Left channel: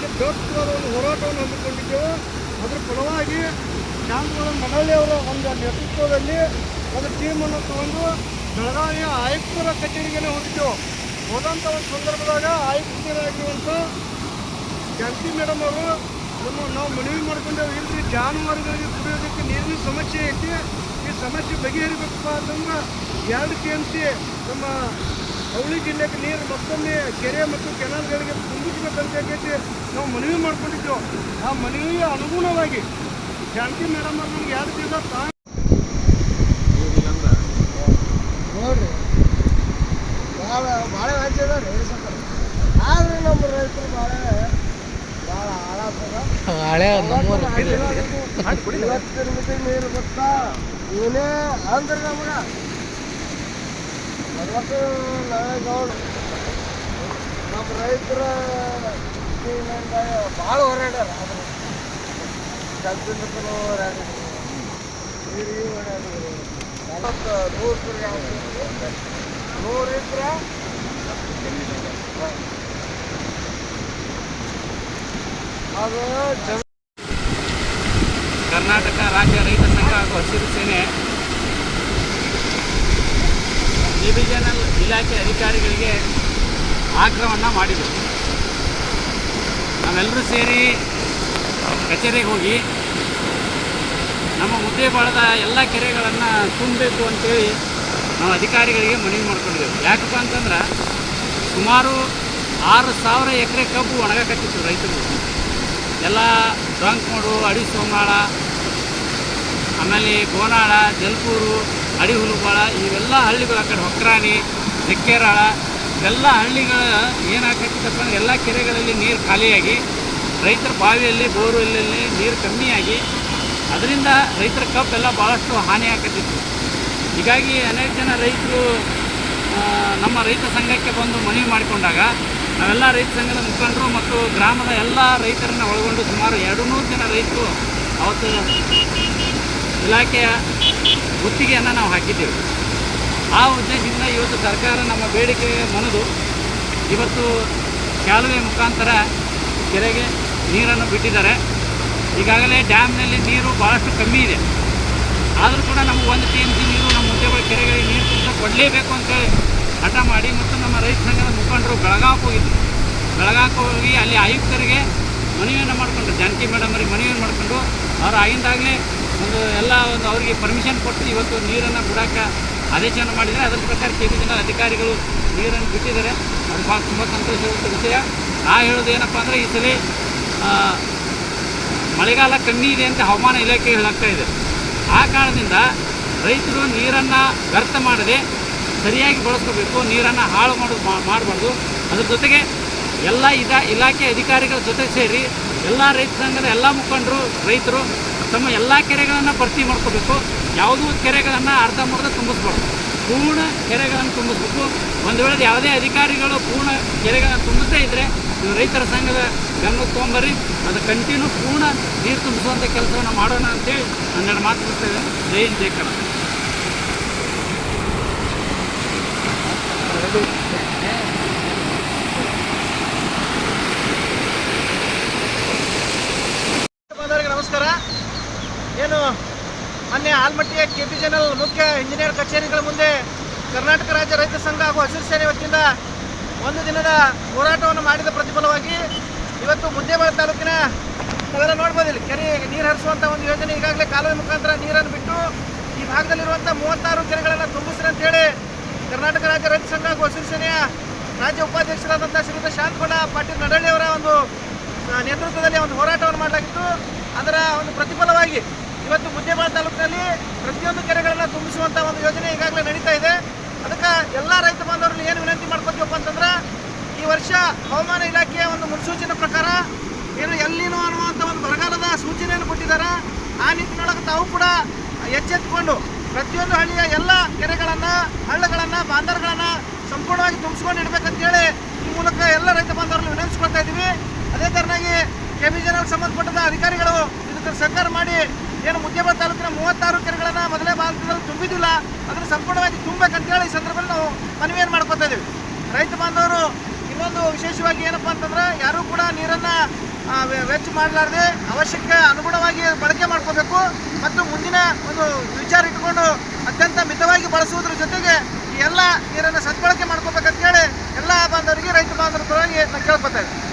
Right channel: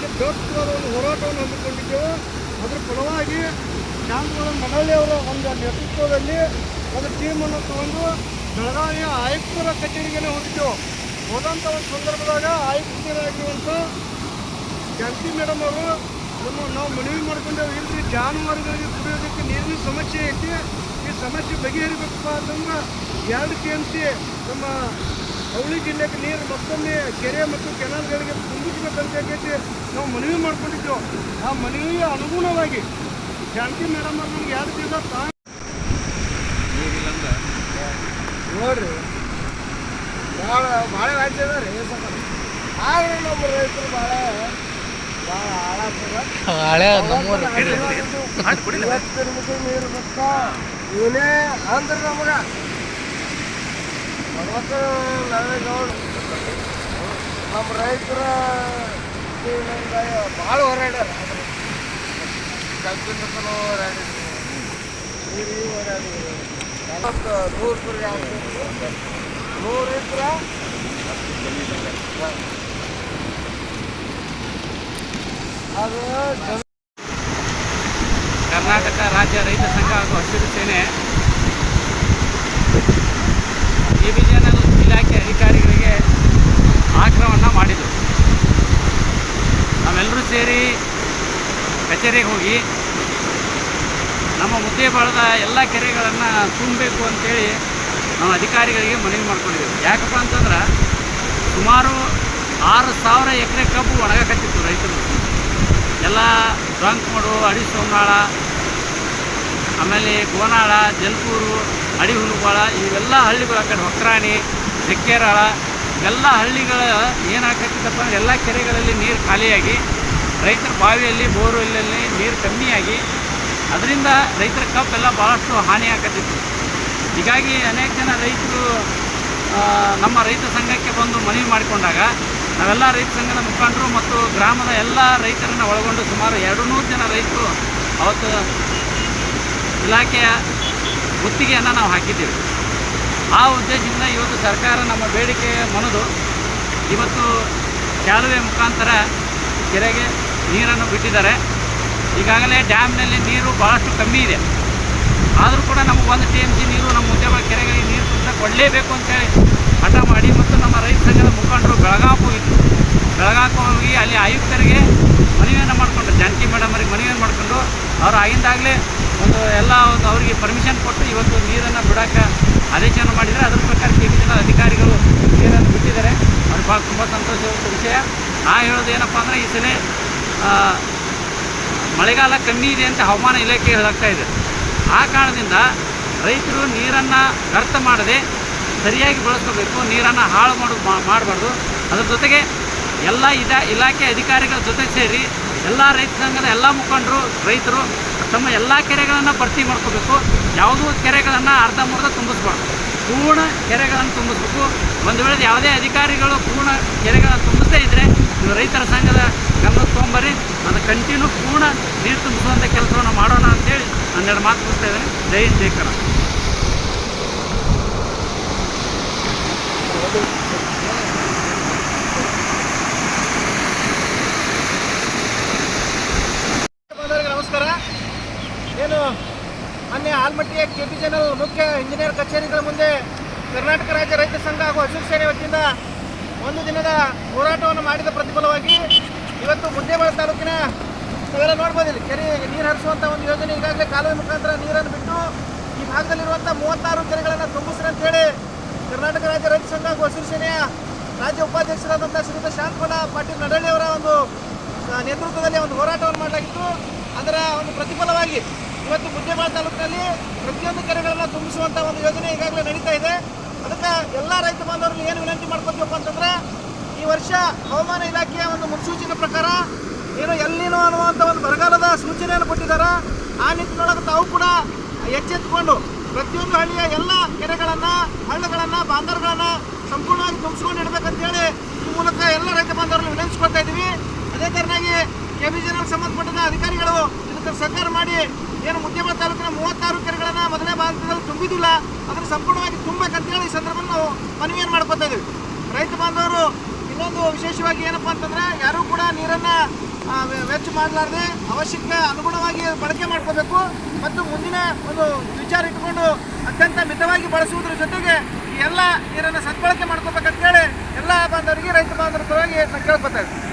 ವಿಚಾರವಾಗಿ ಬೃಹತ್ವಾದ ಒಂದು ಹೋರಾಟವನ್ನು ಹಮ್ಮಿಕೊಂಡಿದ್ದೆವು. ಅದರ ಫಲವಾಗಿ ಶಾಂತಗೌಡ ಮಡಳ್ಳಿಯವರ ಒಂದು ನೇತೃತ್ವದಲ್ಲಿ ಒಂದು ಟೀಮನ್ನು ತಗೊಂಡು ಬೆಳಗಾವಿಯ ಆಯುಕ್ತರ ಕಚೇರಿಗೆ ಹೋಗಿದ್ದೆವು. ಹೋದಂಥ ಒಂದು ಸಂದರ್ಭದಾಗ ಆಯುಕ್ತರಾಗಿರುವಂಥ ಜಾನಕಿ ಮೇಡಮ್ ಅವರು ನಾವು ಮನವಿ ಮಾಡ್ಕೊಂಡೇವು, ಇಲ್ಲರಿ ಜಾನುವಾರುಗಳಿಗೆ ಕುಡಿಯೋದಕ್ಕೆ ನೀರಿನ ಸಮಸ್ಯೆ ಐತಿ, ಈ ಸಮಸ್ಯೆ ಬಗೆಹರಿಬೇಕಪ್ಪ ಅಂತಂದ್ರೆ 2 TMC ನಮ್ಮ ಅವಳಿ ಜಿಲ್ಲೆಗೆ ನೀರು ಮತ್ತೊಮ್ಮೆ ಕೆರೆ ಮತ್ತು ಕೆನಾಲ್ಗಳಿಗೆ ತುಂಬಿಸಬೇಕಂತ ಹೇಳಿ ನಾವು ಮನವಿ ಮಾಡ್ಕೊಂಡಿದ್ದೆವು. ಆ ಮನವಿಯ ಅನುಗುಣವಾಗಿ ಜಾನಕಿ ಮೇಡಮ್ ಅವ್ರು ನಮ್ಗೆ 2 ದಿವಸ ನೋಡ್ರಿ ಭಾಳ ಭಾಳ ವ್ಯಾಜ್ಯ ಅದ ರೀ. ಆದ್ರೂ ನಮ್ಮ ರೈತರು ಭಾಳ ನೀರು ಬರ್ತಾ ಇವನೇ ಅಂದ್ರೆ ನಮಗೆ 40 ನಾವೇಗೌಡ ನಮ್ಮ ರೈತರ ಭಾಳ ಹೋರಾಡ್ಯಾರ. ಆದ್ರೆ ಜಗ್ಗಿಂಬತ್ತಲು ಹೋರಾಡಿದ್ರು, ನೀರು ಹೋರಾಡಿದ್ರು. 100 ಎಕರೆ ಅದು ಕರ್ನಾಟಕ ರಾಜ್ಯ ರೈತ ಸಂಘ ಹಾಗೂ ಹಸಿರು ಸೇನೆ ಡಿವಿಷನಲ್ ಇಲಾಖೆ ಅಧಿಕಾರಿಗಳಿಗೆ ಆಗ್ರಹವನ್ನು ಮಾಡಿದರು. ನಾವೆಲ್ಲರೂ ಸೇರಿ ಕಚೇರಿಗೆ ಹೋಗಿ ನಮ್ಮ ಮುದ್ದೇಬಾಳದ ಎಲ್ಲ ಕೆರೆಗಳನ್ನು ತುಂಬಬೇಕು ಅಂತೇಳಿ ನಾವು ಅಧಿಕಾರಿಗಳಿಗೆ ಮನವಿ ಮಾಡ್ಕೊಂಡಿದ್ದೆವು. ಯಾಕಪ್ಪ ಅಂತಂದ್ರೆ ಸುಮಾರು 6,000 ಎಕರೆ ಕಬ್ಬು ಒಣಗಕತ್ತಿತ್ತು ರೈತರು. ಎಲ್ಲ ಡೊಂಕಮಡು, ಅಡಿ ಸೋಮನಾಳ, ಆಮೇಲೆ ಗೋನಾಳ, ಜಲ್ಪೂರು, ಅಡಿ ಹುಲುಬಾಳ ಇವೆಲ್ಲ ಹಳ್ಳಿಗಳು, ಆ ಕಡೆ ಹೊಕ್ರಾಣಿ, ಬೆಕ್ಕೇರಾಳ ಎಲ್ಲ ಹಳ್ಳಿಗಳ ಏನಾಗ್ತಿತ್ತಪ್ಪ ಅಂದರೆ ಎಲ್ಲ ಕೆರೆಗಳಲ್ಲಿ ನೀರು ಖಾಲಿಯಾಗಿ ರೈತರ ಬಾವಿಯಲ್ಲಿ ಬೋರ್ವೆಲ್ಲಲ್ಲಿ ನೀರು ಕಮ್ಮಿಯಾಗಿ ಅದರಿಂದ ರೈತರ ಕಬ್ಬೆಲ್ಲ ಭಾಳಷ್ಟು ಹಾನಿ ಆಗತ್ತಿತ್ತು. ಹೀಗಾಗಿ ಅನೇಕ ಜನ ರೈತರು ನಮ್ಮ ರೈತ ಸಂಘಕ್ಕೆ ಬಂದು ಮನವಿ ಮಾಡಿಕೊಂಡಾಗ ನಾವೆಲ್ಲ ರೈತ ಸಂಘದ ಮುಖಂಡರು ಮತ್ತು ಗ್ರಾಮದ ಎಲ್ಲ ರೈತರನ್ನು ಒಳಗೊಂಡು ಸುಮಾರು 200 ಜನ ರೈತರು ಅವತ್ತು ಇಲಾಖೆಯ ಗುತ್ತಿಗೆಯನ್ನು ನಾವು ಹಾಕಿದ್ದೇವೆ. ಆ ಉದ್ದೇಶದಿಂದ ಇವತ್ತು ಸರ್ಕಾರ ನಮ್ಮ ಬೇಡಿಕೆ ಮನದು ಇವತ್ತು ಕಾಲುವೆ ಮುಖಾಂತರ ಕೆರೆಗೆ ನೀರನ್ನು ಬಿಟ್ಟಿದ್ದಾರೆ. ಈಗಾಗಲೇ ಡ್ಯಾಮ್ನಲ್ಲಿ ನೀರು ಭಾಳಷ್ಟು ಕಮ್ಮಿ ಇದೆ. ಆದರೂ ಕೂಡ ನಮಗೆ 1 TMC ನೀರು ನಮ್ಮ ಮುದ್ದೇಬಾಳ ಕೆರೆಗಳಿಗೆ ನೀರು ತುಂಬಿಸಕ್ಕೆ ಕೊಡಲೇಬೇಕು ಅಂತೇಳಿ ಹಠ ಮಾಡಿ ಮತ್ತು ನಮ್ಮ ರೈತ ಸಂಘದ ಮುಖಂಡರು ಬೆಳಗಾವಿಗೆ ಹೋಗಿದ್ರು. ಬೆಳಗಾವಿಗೆ ಹೋಗಿ ಅಲ್ಲಿ ಆಯುಕ್ತರಿಗೆ ಮನವಿಯನ್ನು ಮಾಡಿಕೊಂಡು, ಜಾನಕಿ ಮೇಡಮ್ ಅವರಿಗೆ ಮನವಿಯನ್ನು ಮಾಡಿಕೊಂಡು ಅವರು ಆಗಿಂದಾಗಲೇ ಎಲ್ಲ ಅವರಿಗೆ ಪರ್ಮಿಷನ್ ಕೊಟ್ಟು ಇವತ್ತು ನೀರನ್ನು ಬಿಡೋಕ್ಕೆ ಆದೇಶವನ್ನು ಮಾಡಿದರೆ. ಅದರ ಪ್ರಕಾರ KBJನ ಅಧಿಕಾರಿಗಳು ನೀರನ್ನು ಬಿಟ್ಟಿದ್ದಾರೆ. ಅದು ಭಾಳ ತುಂಬ ಸಂತೋಷವಾದ ವಿಷಯ. ಹೇಳೋದು ಏನಪ್ಪ ಅಂದರೆ ಈ ಸಲ ಮಳೆಗಾಲ ಕಮ್ಮಿ ಇದೆ ಅಂತ ಹವಾಮಾನ ಇಲಾಖೆ ಹೇಳಾಗ್ತಾ ಇದೆ. ಆ ಕಾರಣದಿಂದ ರೈತರು ನೀರನ್ನು ವ್ಯರ್ಥ ಮಾಡದೆ ಸರಿಯಾಗಿ ಬಳಸ್ಕೋಬೇಕು, ನೀರನ್ನು ಹಾಳು ಮಾಡಬಾರ್ದು. ಅದ್ರ ಜೊತೆಗೆ ಎಲ್ಲ ಇಲಾಖೆ ಅಧಿಕಾರಿಗಳ ಜೊತೆ ಸೇರಿ ಎಲ್ಲ ರೈತ ಸಂಘದ ಎಲ್ಲ ಮುಖಂಡರು ರೈತರು ತಮ್ಮ ಎಲ್ಲ ಕೆರೆಗಳನ್ನು ಭರ್ತಿ ಮಾಡ್ಕೋಬೇಕು. ಯಾವುದೂ ಕೆರೆಗಳನ್ನು ಅರ್ಧಂಬರ್ಧ ತುಂಬಿಸ್ಬಾರ್ದು, ಪೂರ್ಣ ಕೆರೆಗಳನ್ನು ತುಂಬಿಸ್ಬೇಕು. ಒಂದು ವೇಳೆ ಯಾವುದೇ ಅಧಿಕಾರಿಗಳು ಪೂರ್ಣ ಕೆರೆಗಳನ್ನು ತುಂಬಿಸದೇ ಇದ್ದರೆ ನೀವು ರೈತರ ಸಂಘದ ಗಮನಕ್ಕೆ ತೊಗೊಂಬರ್ರಿ, ಅದು ಕಂಟಿನ್ಯೂ ಪೂರ್ಣ ನೀರು ತುಂಬಿಸುವಂಥ ಕೆಲಸವನ್ನು ಮಾಡೋಣ ಅಂತೇಳಿ 12 ಮಾತು ಕೊಡ್ತೇವೆ. ಜೈ ಹಿಂದ್, ಜೈ ಕರ್ನಾಟಕ. ನಮಸ್ಕಾರ. ಏನು ಮೊನ್ನೆ ಆಲ್ಮಟ್ಟಿಯ KBJನಲ್ ಮುಖ್ಯ ಇಂಜಿನಿಯರ್ ಕಚೇರಿಗಳ ಮುಂದೆ ಕರ್ನಾಟಕ ರಾಜ್ಯ ರೈತ ಸಂಘ ಹಾಗೂ ಹಸಿರು ಸೇನೆ ವತಿಯಿಂದ 1 ದಿನದ ಹೋರಾಟವನ್ನು ಮಾಡಿದ ಪ್ರತಿಫಲವಾಗಿ ಇವತ್ತು ಮುದ್ದೇಬಾಳ ತಾಲೂಕಿನ ನಾವೆಲ್ಲ ನೋಡ್ಬೋದಿಲ್ಲ, ಕೆರೆಗೆ ನೀರು ಹರಿಸುವಂಥ ಒಂದು ಯೋಜನೆ ಈಗಾಗಲೇ ಕಾಲುವೆ ಮುಖಾಂತರ ನೀರನ್ನು ಬಿಟ್ಟು ಈ ಭಾಗದಲ್ಲಿರುವಂಥ 36 ಕೆರೆಗಳನ್ನು ತುಂಬಿಸ್ರಿ ಅಂತೇಳಿ ಕರ್ನಾಟಕ ರಾಜ್ಯ ರೈತ ಸಂಘ ಹಾಗೂ ಹಸಿರು ಸೇನೆಯ ರಾಜ್ಯ ಉಪಾಧ್ಯಕ್ಷರಾದಂಥ ಶ್ರೀಯುತ ಶಾಂತಗೌಡ ಪಾಟೀಲ್ ನಡಳ್ಳಿಯವರ ಒಂದು ನೇತೃತ್ವದಲ್ಲಿ ಒಂದು ಹೋರಾಟವನ್ನು ಮಾಡಲಾಗಿತ್ತು. ಅದರ ಒಂದು ಪ್ರತಿಫಲವಾಗಿ ಇವತ್ತು ಮುದ್ದೇಬಾಳ ತಾಲೂಕಿನಲ್ಲಿ ಪ್ರತಿಯೊಂದು ಕೆರೆಗಳನ್ನು ತುಂಬಿಸುವಂಥ ಒಂದು ಯೋಜನೆ ಈಗಾಗಲೇ ನಡೀತಾ ಇದೆ. ಅದಕ್ಕೆ ಎಲ್ಲ ರೈತ ಬಾಂಧವರಲ್ಲಿ ಏನು ವಿನಂತಿ ಮಾಡ್ಕೊತೀವಪ್ಪ ಅಂತಂದ್ರೆ, ಈ ವರ್ಷ ಹವಾಮಾನ ಇಲಾಖೆಯ ಒಂದು ಮುನ್ಸೂಚನೆ ಪ್ರಕಾರ ಏನು ಎಲ್ಲಿನೋ ಅನ್ನುವಂಥ ಒಂದು ಬರಗಾಲದ ಸೂಚನೆಯನ್ನು ಕೊಟ್ಟಿದ್ದಾರೆ. ಆ ನಿಟ್ಟಿನೊಳಗೆ ತಾವು ಕೂಡ ಎಚ್ಚೆತ್ತುಕೊಂಡು ಪ್ರತಿಯೊಂದು ಹಳ್ಳಿಯ ಎಲ್ಲ ಕೆರೆಗಳನ್ನು, ಹಳ್ಳಗಳನ್ನು, ಬಾಂಧರ್ಗಳನ್ನು ಸಂಪೂರ್ಣವಾಗಿ ತುಂಬಿಸ್ಕೊಂಡು ಇಡಬೇಕಂತೇಳಿ ಈ ಮೂಲಕ ಎಲ್ಲ ರೈತ ಬಾಂಧವರಲ್ಲಿ ವಿನಂತಿಸ್ಕೊಳ್ತಾ ಇದ್ದೀವಿ. ಅದೇ ಥರನಾಗಿ KBJನಲ್ಲಿ ಸಂಬಂಧಪಟ್ಟ ಅಧಿಕಾರಿಗಳು ಇದಕ್ಕೆ ಸಹಕಾರ ಮಾಡಿ ಏನು ಮುದ್ದೇಬಾಳ ತಾಲೂಕಿನ 36 ಕೆರೆಗಳನ್ನು ಮೊದಲೇ ಭಾಗದಲ್ಲಿ ತುಂಬಿದ್ದಿಲ್ಲ, ಅದನ್ನು ಸಂಪೂರ್ಣವಾಗಿ ತುಂಬಬೇಕಂತೇಳಿ ಈ ಸಂದರ್ಭದಲ್ಲಿ ನಾವು ಮನವಿಯನ್ನು ಮಾಡ್ಕೊತಾ ಇದ್ದೀವಿ. ರೈತ ಬಾಂಧವರು ಇನ್ನೊಂದು ವಿಶೇಷವಾಗಿ ಏನಪ್ಪ ಅಂತಂದ್ರೆ, ಯಾರೂ ಕೂಡ ನೀರನ್ನು ವೆಚ್ಚ ಮಾಡಲಾರ್ದೆ ಅವಶ್ಯಕ್ಕೆ ಅನುಗುಣವಾಗಿ ಬಳಕೆ ಮಾಡ್ಕೋಬೇಕು ಮತ್ತು ಮುಂದಿನ ಒಂದು ವಿಚಾರ ಇಟ್ಕೊಂಡು ಅತ್ಯಂತ ಮಿತವಾಗಿ ಬಳಸುವುದರ ಜೊತೆಗೆ ಈ ಎಲ್ಲ ನೀರನ್ನು ಸದ್ಬಳಕೆ ಮಾಡ್ಕೋಬೇಕಂತೇಳಿ ಎಲ್ಲ ಬಾಂಧವರಿಗೆ ರೈತ ಬಾಂಧವರ ಪರವಾಗಿ ನಾನು ಕೇಳ್ಕೊತಾ ಇದ್ದೀನಿ.